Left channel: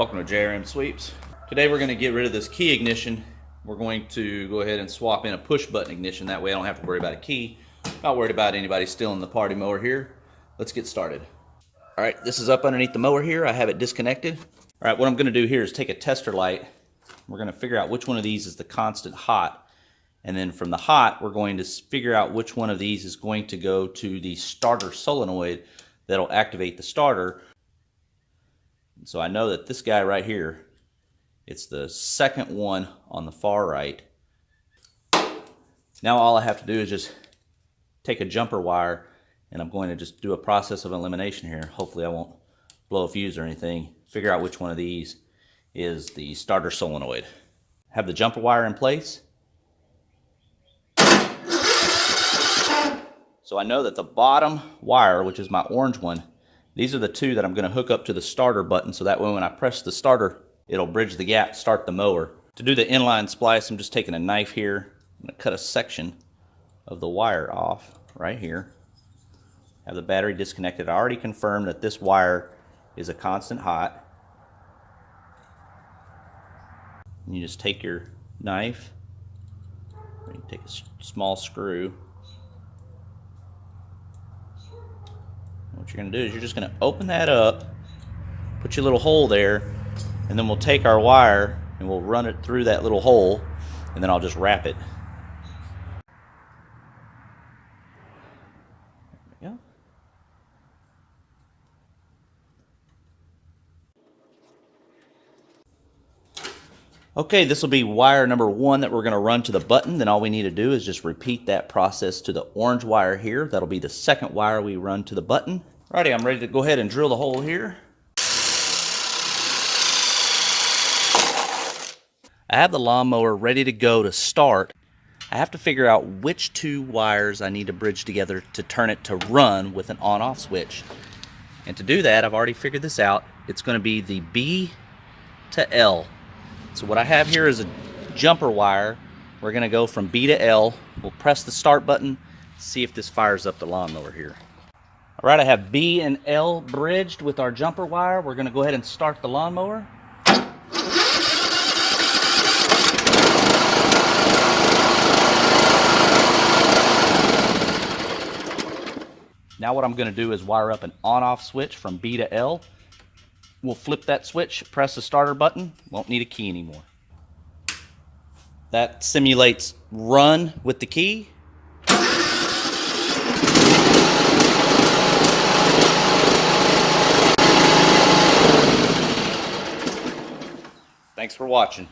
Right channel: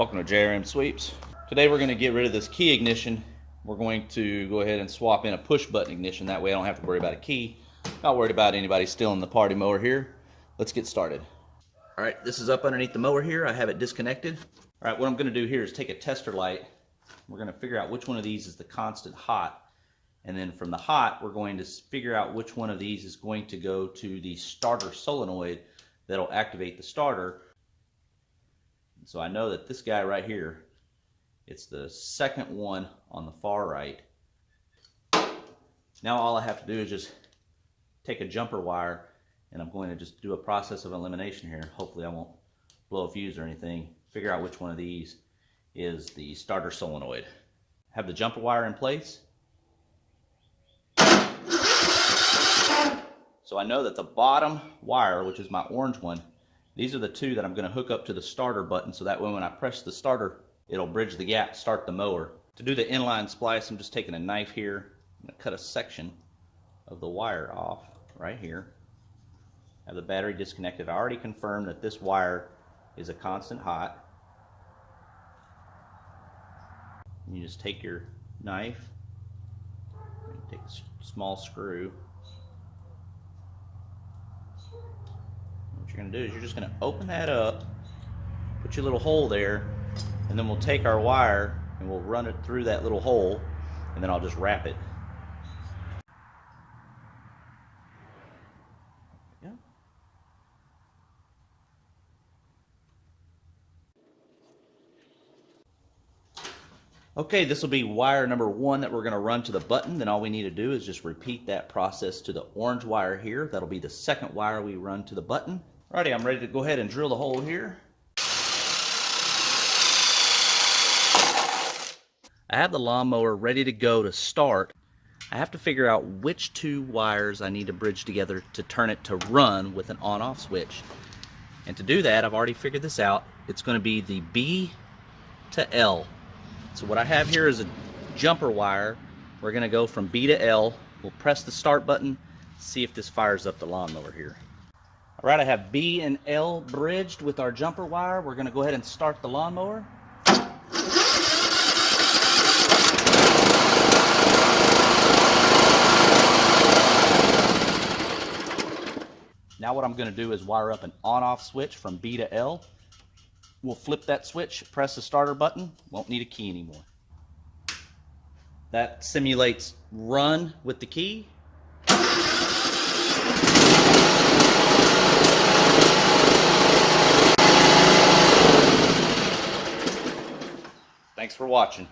Welcome to JRM Sweeps. Today we're going to get rid of this key ignition. We're going to go ahead and swap in a push button ignition. That way I don't have to worry about a key. Not worried about anybody stealing the party mower here. Let's get started. All right, this is up underneath the mower here. I have it disconnected. All right, what I'm going to do here is take a tester light. We're going to figure out which one of these is the constant hot. And then from the hot, we're going to figure out which one of these is going to go to the starter solenoid that'll activate the starter. So I know that this guy right here, it's the second one on the far right. Now all I have to do is just take a jumper wire, and I'm going to just do a process of elimination here. Hopefully I won't blow a fuse or anything. Figure out which one of these is the starter solenoid. Have the jumper wire in place. So I know that the bottom wire, which is my orange one, these are the two that I'm going to hook up to the starter button, so that way when I press the starter, it'll bridge the gap, start the mower. To do the inline splice, I'm just taking a knife here. I'm going to cut a section of the wire off right here. Have the battery disconnected. I already confirmed that this wire is a constant hot. And you just take your knife, and you take a small screw. What you're going to do is you're just going to open that up, put your little hole there, and then we'll take our wire and we'll run it through that little hole, and then I'll just wrap it. There we go. Okay, this will be wire number 1 that we're going to run to the button. Then all we need to do is just repeat that process to the orange wire here. That'll be the second wire we run to the button. Alrighty, I'm ready to go ahead and drill the hole here. I have the lawnmower ready to go to start. I have to figure out which two wires I need to bridge together to turn it to run with an on-off switch. And to do that, I've already figured this out. It's going to be the B to L. So what I have here is a jumper wire. We're going to go from B to L. We'll press the start button, see if this fires up the lawnmower here. All right, I have B and L bridged with our jumper wire. We're going to go ahead and start the lawnmower. Now what I'm going to do is wire up an on-off switch from B to L. We'll flip that switch, press the starter button, won't need a key anymore. That simulates run with the key. Thanks for watching.